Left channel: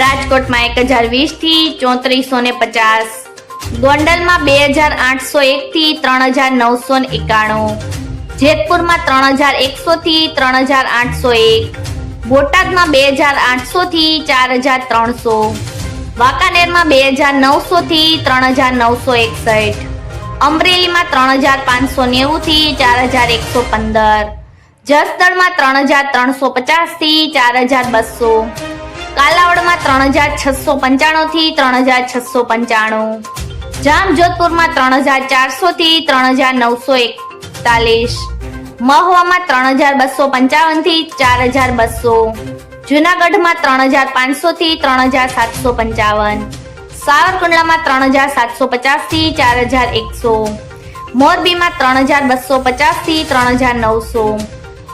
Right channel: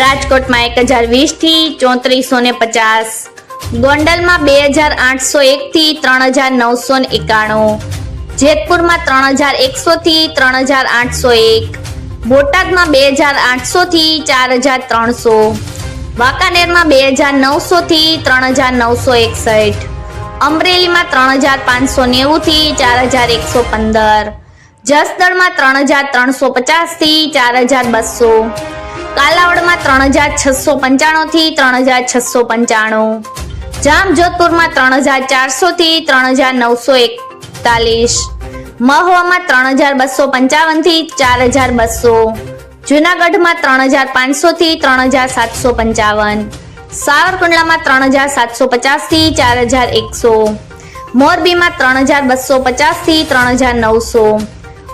રાજકોટમાં એક હજાર વીસથી ચોત્રીસો ને પચાસ. ગોંડલમાં બે હજાર આઠસો એકથી ત્રણ હજાર નવસો ને એકાણું. જેતપુરમાં ત્રણ હજાર એકસોથી ત્રણ હજાર આઠસો એક. બોટાદમાં બે હજાર આઠસોથી ચાર હજાર ત્રણસો. વાંકાનેરમાં બે હજાર નવસોથી ત્રણ હજાર નવસો એકસઠ. અમરેલીમાં ત્રણ હજાર પાંચસો નેવુંથી ચાર હજાર એકસો પંદર. જસદણમાં ત્રણ હજાર ત્રણસો પચાસથી ચાર હજાર બસો. કાલાવડમાં ત્રણ હજાર છસો પંચાણુંથી ત્રણ હજાર છસો પંચાણું જામજોધપુરમાં ત્રણ હજાર ચારસોથી ત્રણ હજાર નવસો એકતાલીસ મહુવામાં ત્રણ હજાર બસો પંચાવનથી ચાર હજાર બસો જુનાગઢમાં ત્રણ હજાર પાંચસોથી ત્રણ હજાર સાતસો પંચાવન સાવરકુંડલામાં ત્રણ હજાર સાતસો પચાસથી ચાર હજાર એકસો મોરબીમાં ત્રણ હજાર બસો પચાસથી ત્રણ હજાર નવસો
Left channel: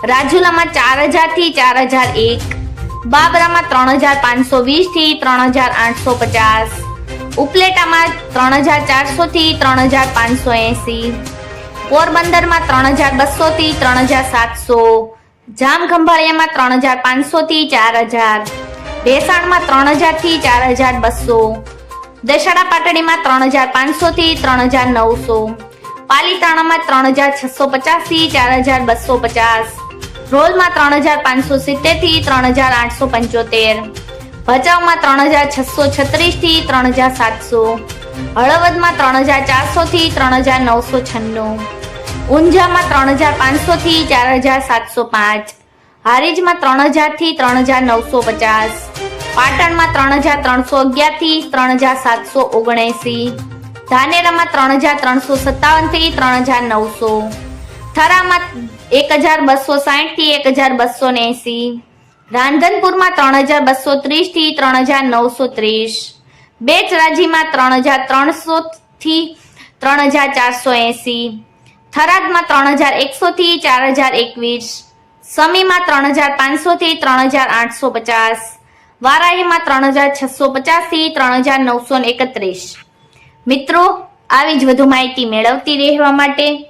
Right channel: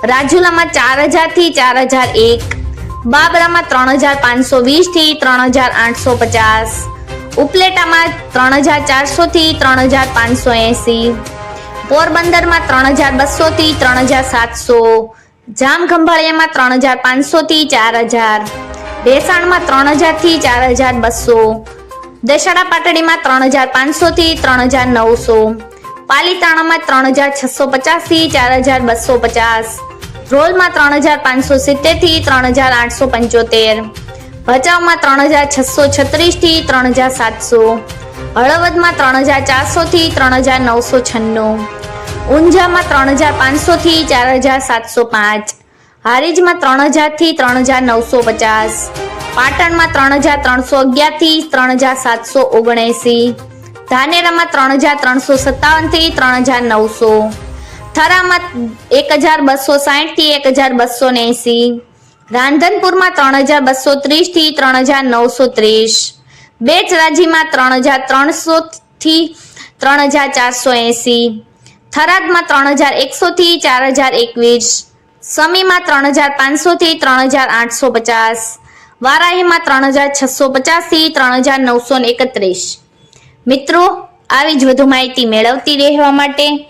રાજુલામાં ચાર હજારથી ચાર હજાર એક બાબરામાં ત્રણ હજાર પાંચસો વીસથી ત્રણ હજાર આઠસો પચાસ ઉપલેટામાં ત્રણ હજાર ચારસોથી ત્રણ હજાર પાંચસો એંસી પોરબંદરમાં ત્રણ હજાર બસોથી ત્રણ હજાર સાતસો જામખંભાળિયામાં ત્રણ હજાર પાંચસોથી ચાર હજાર ભેસાણમાં ત્રણ હજારથી ચાર હજાર બસો દશેરા પાટડીમાં ત્રણ હજાર પાંચસોથી ત્રણ હજાર નવસો પાલીતાણામાં ત્રણ હજાર છસો પચાસથી ચાર હજાર બસો પચાસ રોલમાં ત્રણ હજાર પાંચસો સિત્તેરથી ત્રણ હજાર આઠસો પંચોતેર ભચાઉમાં ત્રણ હજાર છસો છત્રીસથી ત્રણ હજાર સાતસો હળવદમાં ત્રણ હજાર ચારસોથી ત્રણ હજાર નવસો છન્નું ઊંઝામાં ત્રણ હજાર પાંચસોથી ચાર હજાર સાતસો પાંચ હારીજમાં ત્રણ હજારથી ત્રણ હજાર નવસો પચાસ પાટણમાં ત્રણ હજાર ત્રણસો અગિયારથી ત્રણ હજાર સાતસો ઓગણએંસી ધાનેરામાં ત્રણ હજાર ત્રણસો સત્તાવનથી ત્રણ હજાર નવસો થરામાં એક હજાર બસો સાહીઠથી એક હજાર બસો એંસી રાંધનપુરમાં ત્રણ હજાર બસો ત્રીસથી ત્રણ હજાર નવસો ત્રીસ. બેચરાજીમાં ત્રણ હજાર ત્રણસોથી ત્રણ હજાર ચારસો એંસી. થરાદમાં ત્રણ હજાર એકસોથી ચાર હજાર એકવીસ. સમીમાં ત્રણ હજાર પાંચસોથી ત્રણ હજાર આઠસો પચાસ. વારાહીમાં ત્રણ હજાર છસો પચાસથી ત્રણ હજાર નવસો એકત્રીસ. મિત્રો, આવી જ વધુ માહિતી મેળવતી રહેવા માટે